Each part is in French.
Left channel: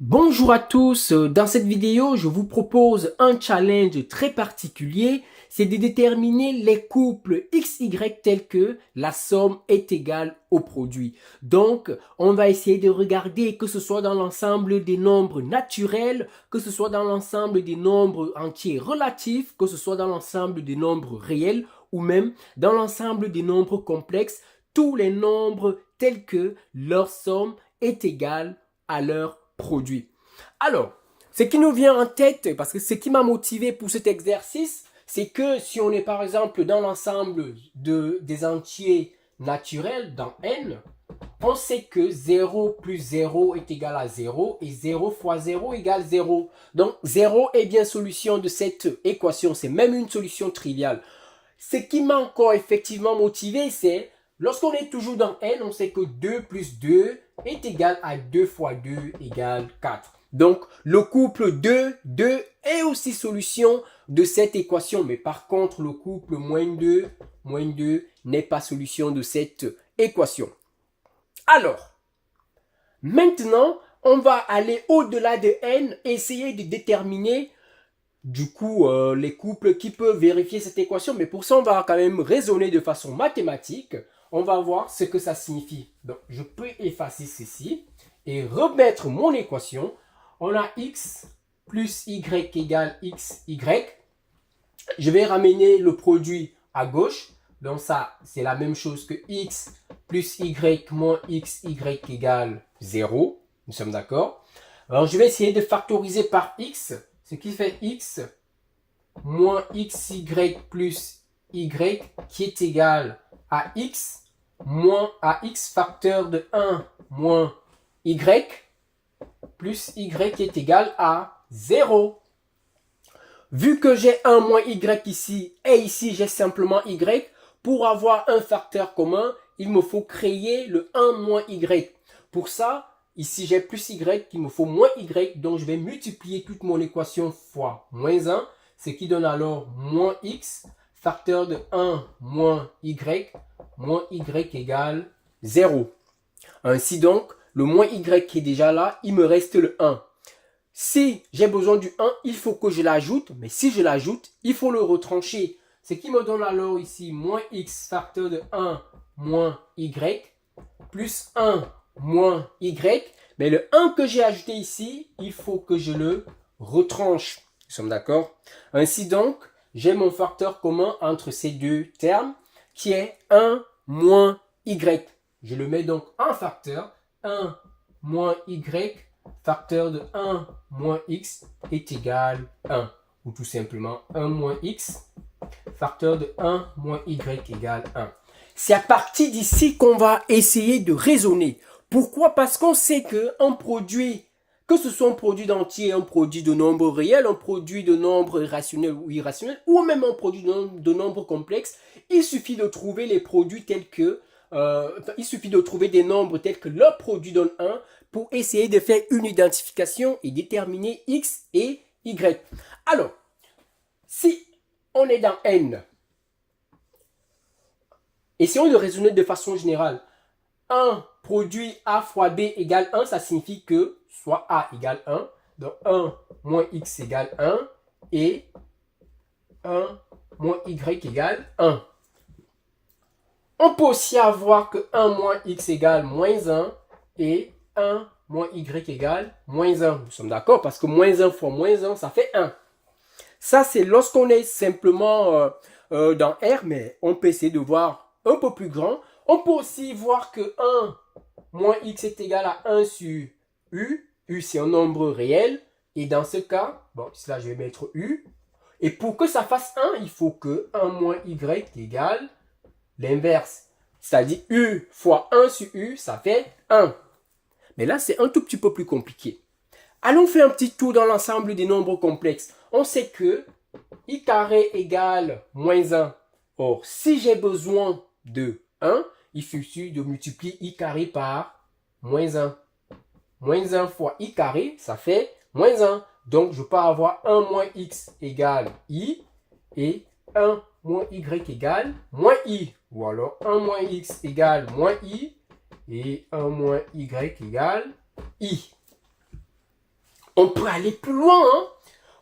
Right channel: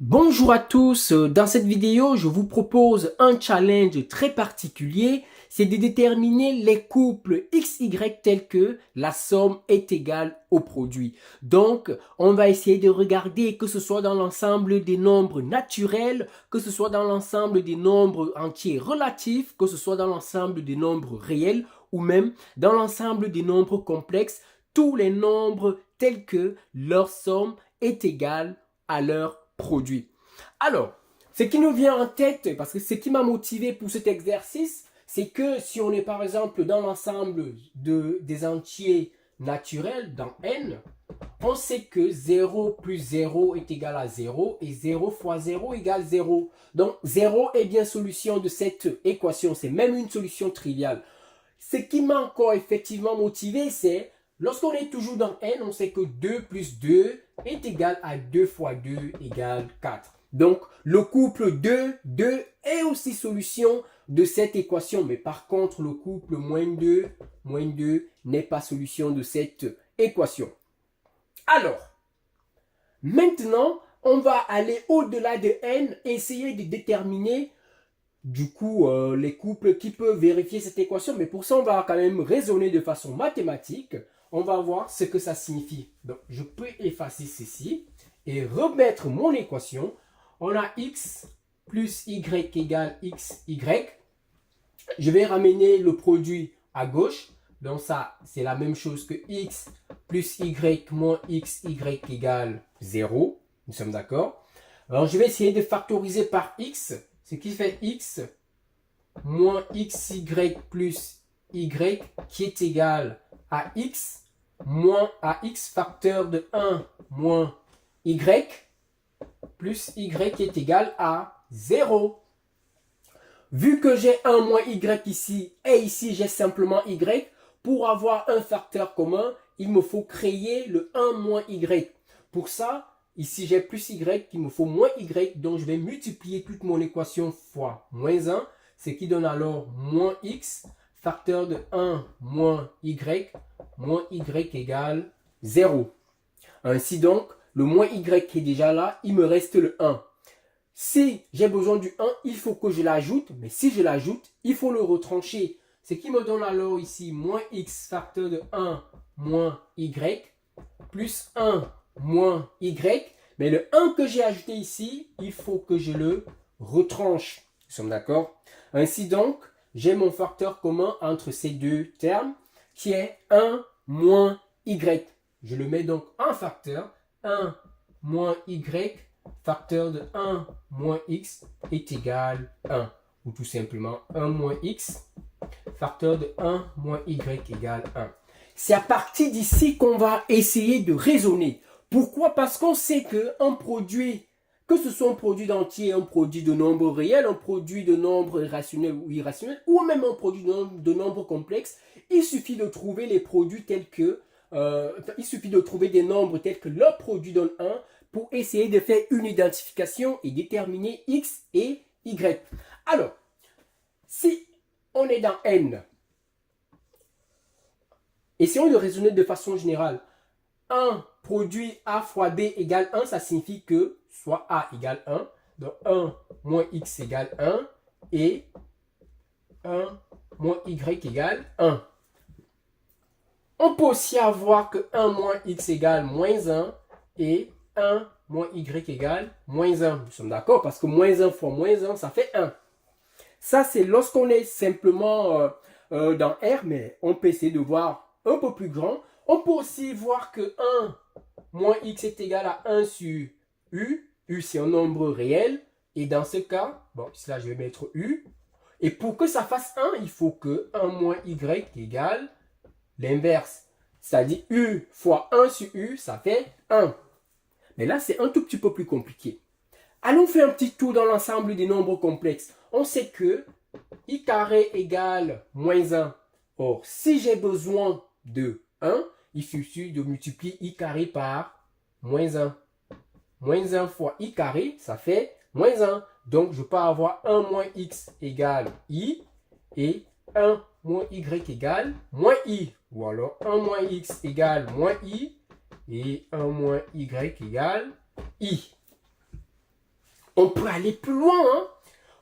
Bonjour à tous, dans cette vidéo je vous propose un challenge très particulier, c'est de déterminer les couples XY tels que la somme est égale au produit. Donc on va essayer de regarder que ce soit dans l'ensemble des nombres naturels, que ce soit dans l'ensemble des nombres entiers relatifs, que ce soit dans l'ensemble des nombres réels ou même dans l'ensemble des nombres complexes, tous les nombres tels que leur somme est égale à leur produit. Alors, ce qui nous vient en tête, parce que ce qui m'a motivé pour cet exercice, c'est que si on est par exemple dans l'ensemble des entiers naturels, dans n, on sait que 0 plus 0 est égal à 0 et 0 fois 0 égale 0. Donc 0 est bien solution de cette équation, c'est même une solution triviale. Ce qui m'a encore effectivement motivé, c'est lorsqu'on est toujours dans n, on sait que 2 plus 2 est égal à 2 fois 2 égale 4. Donc, le couple 2, 2 est aussi solution de cette équation. Mais par contre, le couple moins 2 n'est pas solution de cette équation. Alors, maintenant, on va aller au-delà de n, essayer de déterminer du coup les couples qui peuvent vérifier cette équation. Mais pour ça, on va quand même raisonner de façon mathématique. On va voir ce que ça signifie. Donc, je peux effacer ceci et remettre mon équation. On a x plus y égale xy. Je vais ramener le produit à gauche. Donc ça, c'est la même chose que x plus y moins xy égale 0. Nous sommes d'accord. Alors je vais essayer de factoriser par x, ce qui fait x moins xy plus y qui est égal à x moins ax facteur de 1 moins y plus y qui est égal à 0. Vu que j'ai 1 moins y ici et ici j'ai simplement y, pour avoir un facteur commun, il me faut créer le 1 moins y. Pour ça, ici j'ai plus y, il me faut moins y, donc je vais multiplier toute mon équation fois moins 1, ce qui donne alors moins x, facteur de 1 moins y égale 0. Ainsi donc, le moins y qui est déjà là, il me reste le 1. Si j'ai besoin du 1, il faut que je l'ajoute, mais si je l'ajoute, il faut le retrancher. Ce qui me donne alors ici moins x facteur de 1 moins y plus 1 moins y. Mais le 1 que j'ai ajouté ici, il faut que je le retranche. Nous sommes d'accord? Ainsi donc, j'ai mon facteur commun entre ces deux termes qui est 1 moins y. Je le mets donc en facteur. 1 moins y facteur de 1 moins x est égal à 1. Ou tout simplement 1 moins x facteur de 1 moins y égale 1. C'est à partir d'ici qu'on va essayer de raisonner. Pourquoi? Parce qu'on sait qu'un produit, que ce soit un produit d'entier, un produit de nombre réel, un produit de nombre rationnel ou irrationnel, ou même un produit de nombre complexe, il suffit de trouver les produits tels que il suffit de trouver des nombres tels que leur produit donne 1 pour essayer de faire une identification et déterminer x et y. Alors, si on est dans n, essayons de raisonner de façon générale. 1 produit a fois b égale 1, ça signifie que soit a égale 1, donc 1 moins x égale 1 et 1 moins y égale 1. On peut aussi avoir que 1 moins x égale moins 1 et 1 moins y égale moins 1. Nous sommes d'accord parce que moins 1 fois moins 1, ça fait 1. Ça, c'est lorsqu'on est simplement dans R, mais on peut essayer de voir un peu plus grand. On peut aussi voir que 1 moins x est égal à 1 sur u. U, c'est un nombre réel. Et dans ce cas, bon, là, je vais mettre u. Et pour que ça fasse 1, il faut que 1 moins y égale l'inverse. C'est-à-dire u fois 1 sur u, ça fait 1. Mais là, c'est un tout petit peu plus compliqué. Allons faire un petit tour dans l'ensemble des nombres complexes. On sait que i carré égale moins 1. Or, si j'ai besoin de 1, il suffit de multiplier i carré par moins 1. Moins 1 fois i carré, ça fait moins 1. Donc, je peux avoir 1 moins x égale i et 1 moins y égale moins i. Ou alors 1 moins x égale moins i et 1 moins y égale i. On peut aller plus loin. Hein?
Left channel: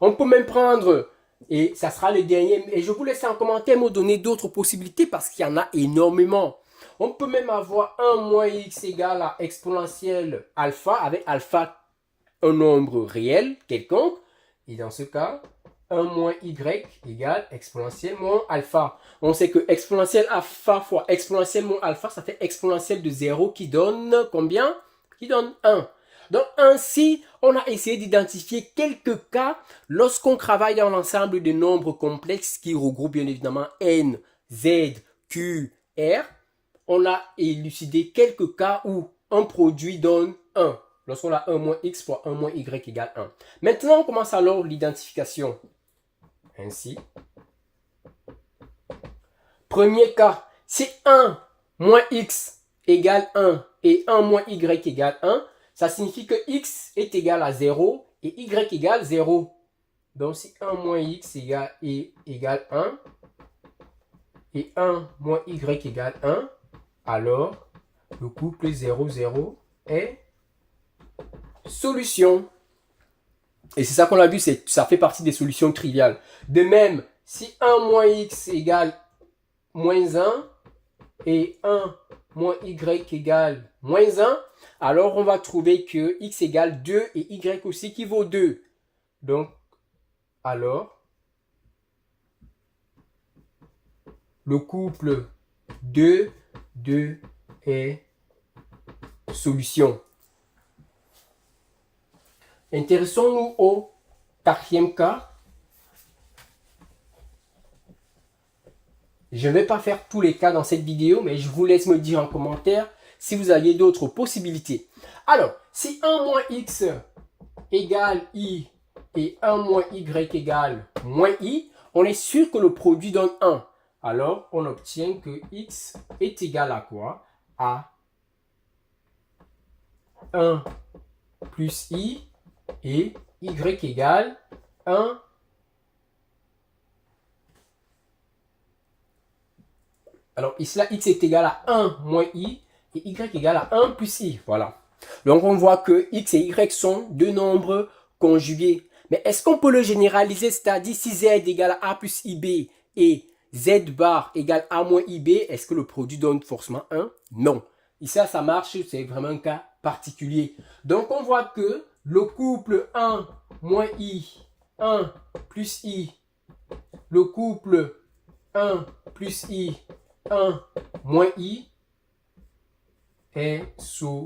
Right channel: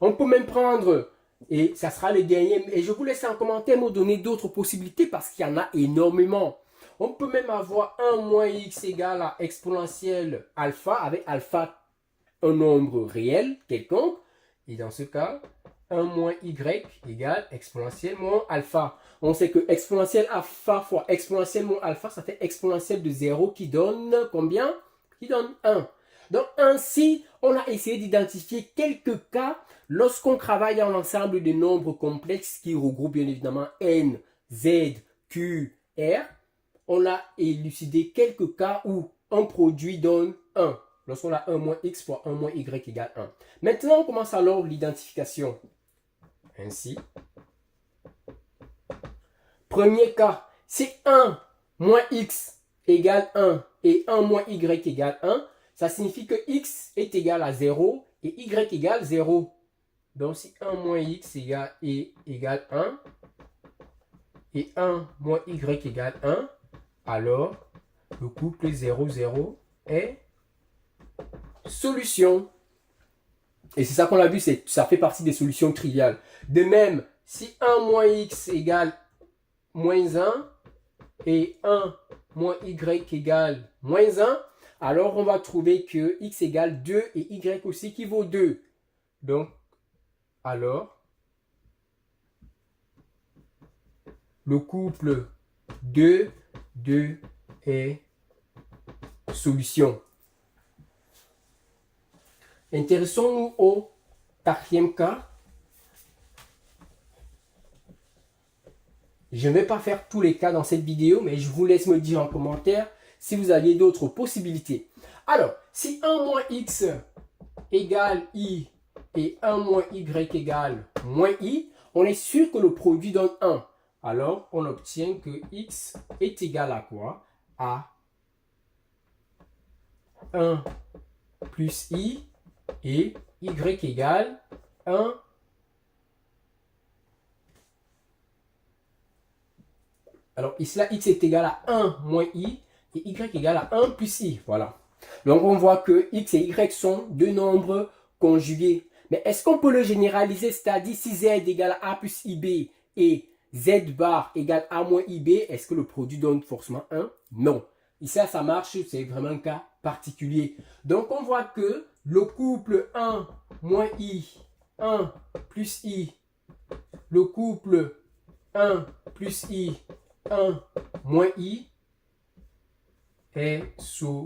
On peut même prendre, et ça sera le dernier, et je vous laisse en commentaire me donner d'autres possibilités parce qu'il y en a énormément. On peut même avoir 1 moins x égale à exponentielle alpha, avec alpha un nombre réel quelconque. Et dans ce cas, 1 moins y égale exponentielle moins alpha. On sait que exponentielle alpha fois exponentielle moins alpha, ça fait exponentielle de 0 qui donne combien? Qui donne 1. Donc ainsi, on a essayé d'identifier quelques cas lorsqu'on travaille dans l'ensemble de nombres complexes qui regroupent bien évidemment n, z, q, r. On a élucidé quelques cas où un produit donne 1. Lorsqu'on a 1 moins x fois 1 moins y égale 1. Maintenant, on commence alors l'identification. Ainsi. Premier cas, si 1 moins x égale 1 et 1 moins y égale 1, ça signifie que x est égal à 0 et y égale 0. Donc si 1 moins x égale 1 et 1 moins y égale 1, alors le couple 0, 0 est solution. Et c'est ça qu'on a vu, ça fait partie des solutions triviales. De même, si 1 moins x égale moins 1 et 1 moins y égale moins 1, alors on va trouver que x égale 2 et y aussi qui vaut 2. Donc, alors, le couple 2, 2 est solution. Intéressons-nous au quatrième cas. Je ne vais pas faire tous les cas dans cette vidéo, mais je vous laisse me dire en commentaire si vous aviez d'autres possibilités. Alors, si 1 moins x égale i et 1 moins y égale moins i, on est sûr que le produit donne 1. Alors, on obtient que x est égal à quoi? À 1 plus i et y égale 1. Alors ici, là, x est égal à 1 moins i et y égale à 1 plus i. Voilà. Donc on voit que x et y sont deux nombres conjugués. Mais est-ce qu'on peut le généraliser? C'est-à-dire si z égale à a plus ib et z bar égale a moins ib, est-ce que le produit donne forcément 1? Non. Ici, ça marche, c'est vraiment un cas particulier. Donc on voit que le couple 1 moins i, 1 plus i, le couple 1 plus i, 1 moins i est solution.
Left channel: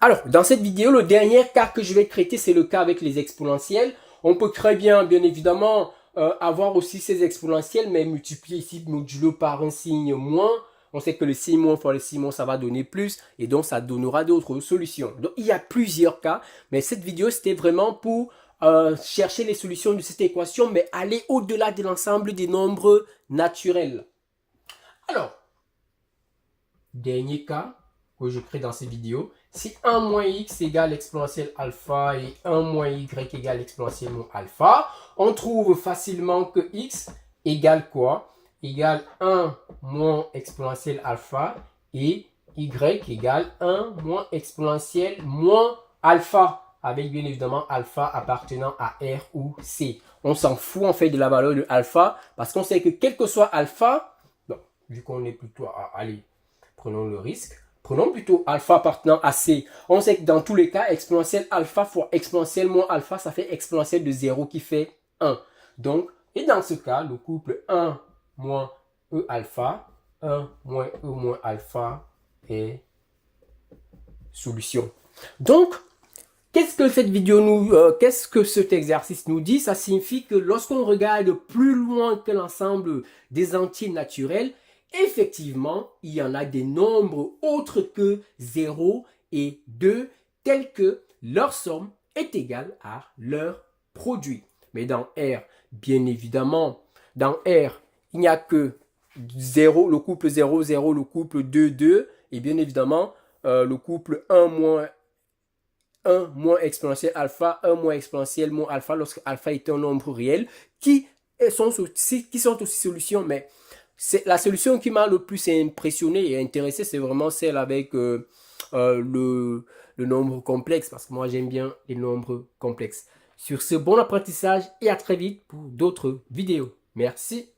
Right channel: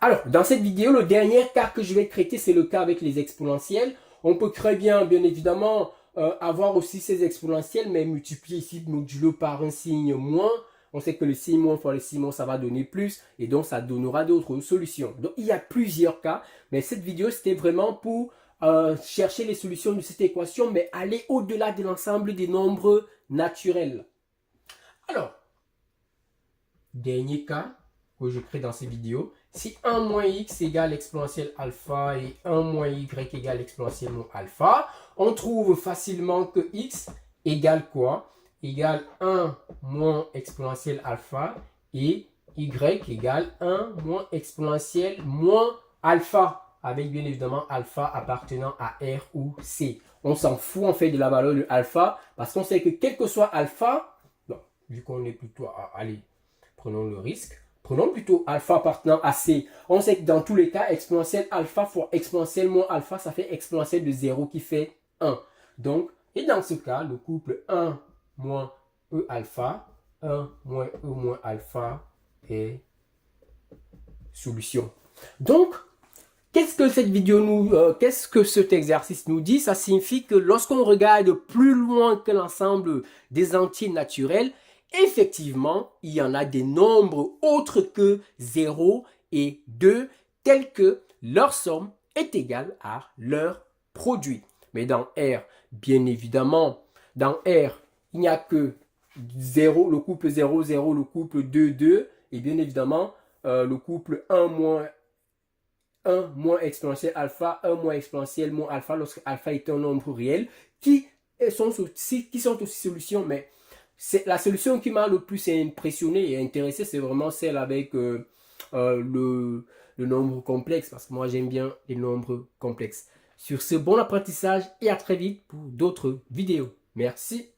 Alors, dans cette vidéo, le dernier cas que je vais traiter, c'est le cas avec les exponentielles. On peut très bien évidemment, avoir aussi ces exponentielles, mais multiplier ici modulo par un signe moins. On sait que le signe moins fois le signe moins, ça va donner plus, et donc ça donnera d'autres solutions. Donc, il y a plusieurs cas, mais cette vidéo, c'était vraiment pour chercher les solutions de cette équation, mais aller au-delà de l'ensemble des nombres naturels. Alors, dernier cas que je crée dans ces vidéos, si 1 moins x égale exponentielle alpha et 1 moins y égale exponentielle moins alpha, on trouve facilement que x égale quoi? Égale 1 moins exponentielle alpha et y égale 1 moins exponentielle moins alpha, avec bien évidemment alpha appartenant à R ou C. On s'en fout en fait de la valeur de alpha parce qu'on sait que quel que soit alpha, non, vu qu'on est plutôt à, allez, prenons le risque, prenons plutôt alpha appartenant à C. On sait que dans tous les cas, exponentielle alpha fois exponentielle moins alpha, ça fait exponentielle de 0 qui fait 1. Donc, et dans ce cas, le couple 1 moins E alpha, 1 moins E moins alpha est solution. Donc, qu'est-ce que cette vidéo qu'est-ce que cet exercice nous dit? Ça signifie que lorsqu'on regarde plus loin que l'ensemble des entiers naturels, effectivement, il y en a des nombres autres que 0 et 2, tels que leur somme est égale à leur produit. Mais dans R, bien évidemment, dans R, il n'y a que 0, le couple 0, 0, le couple 2, 2, et bien évidemment, le couple 1 moins exponentielle alpha, 1 moins exponentielle moins alpha, lorsque alpha est un nombre réel, qui sont aussi solutions, mais c'est la solution qui m'a le plus impressionné et intéressé, c'est vraiment celle avec le nombre complexe, parce que moi j'aime bien les nombres complexes. Sur ce, bon apprentissage et à très vite pour d'autres vidéos. Merci.